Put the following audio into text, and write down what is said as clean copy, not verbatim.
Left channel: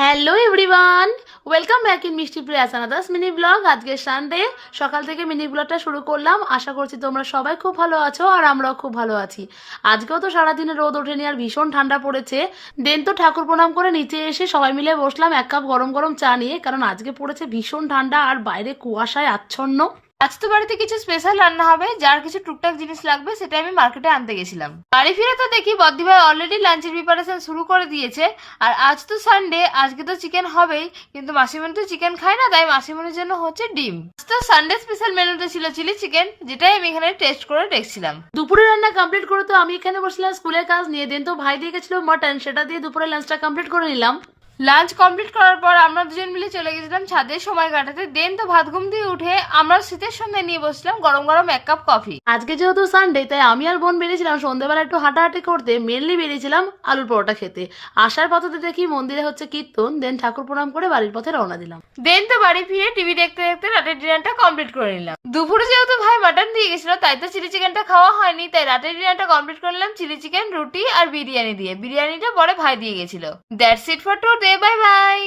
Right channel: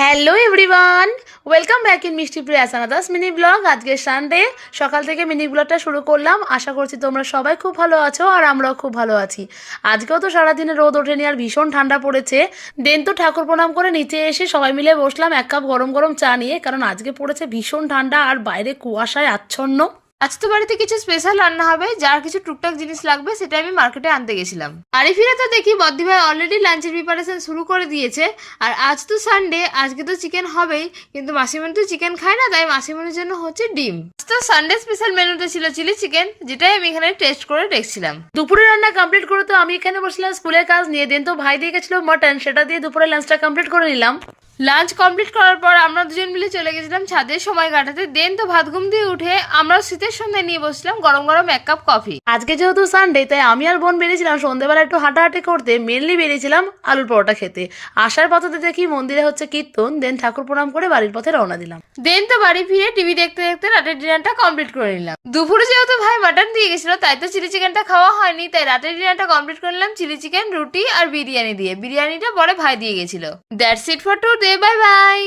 Hello everyone, welcome back in মিষ্টি Prius আনাদাস mini blog. আজকে Sunday, সকাল থেকে মিনি ব্লগটা শুরু করলাম। আশা করছি তোমরা সবাই খুব ভালো আছো আর আমরাও খুব ভালো আছি। আজকেও তো সারাদিনে রোদ ওঠেনি আর ভীষণ ঠান্ডা পড়েছে। দেন তো ঠাকুর প্রণাম করে নিচে এসে সবাই মিলে বসলাম এক কাপ গরম গরম চা নিয়ে, কারণ আজকে পড়েছে ভীষণ ঠান্ডা আর বাইরে কুয়াশায় আচ্ছন্ন। আজ তো বাড়িতে কিছু স্পেশাল রান্না হবে, যার কিছু টুকটাক জিনিস লাগবে সেটা আমি মার্কেটে আনতে গেছিলাম। বাড়ি ফিরে তো দেখি বদ্দি ভাই অলরেডি লাঞ্চের প্রিপারেশন শুরু করে দিয়েছে। আর আজ তো সানডে, আজকে তো চিকেন হবেই, কিন্তু মাসিমণি তো চিকেন খায় না, তাই মাসিমণির জন্য হচ্ছে ডিম। আজ তো সানডে স্পেশাল মেনুতে ছিল চিলি চিকেন, যেটাই আমি এখানে টেস্ট করে দেখছিলাম। দুপুরে রান্না কমপ্লিট করে তো আমি এখানে বসলাম স্কুলের কাজ নিয়ে। দেন তো ভাই দিয়ে গেছিল মাটন, সেটা দিয়ে দুপুরে লাঞ্চটা কমপ্লিট করে নিলাম। লাঞ্চ কমপ্লিট করার পর আমরা দুজন মিলে চলে গেছিলাম ছাদে সময় কাটাতে। দেন তো ভাত ঘুম দিয়ে উঠে আমরা শীতের সন্ধ্যায় নিয়ে বসলাম গরম গরম এক কাপ কফি। আজকে যেহেতু সানডে, তাই আমি আর বোন বেরিয়েছিলাম সন্ধ্যেবেলা একটু হাঁটাহাঁটি করতে। মেনলি বেরিয়েছিলাম আলুর পরোটা খেতে। আসার পথে দেখি মন্দিরে হচ্ছে কীর্তন। দেন ঠাকুর প্রণাম করে বাড়ির পথে রওনা দিলাম। দেন তো বাড়ি ফিরে টিভি দেখতে দেখতে রাতের ডিনারটা কমপ্লিট করে নিলাম। দুপুরে যেহেতু ভাই মাটন দিয়ে গেছিল, তাই তো চিলি চিকেনটা খাওয়া হয়নি, তাই রাতের ডিনারটা কমপ্লিট করে নিলাম চিলি চিকেন, রুটি আর বিরিয়ানি দিয়ে। বিরিয়ানিটা পরে ভাই দিয়ে গেছিল। That's it for today, bye bye.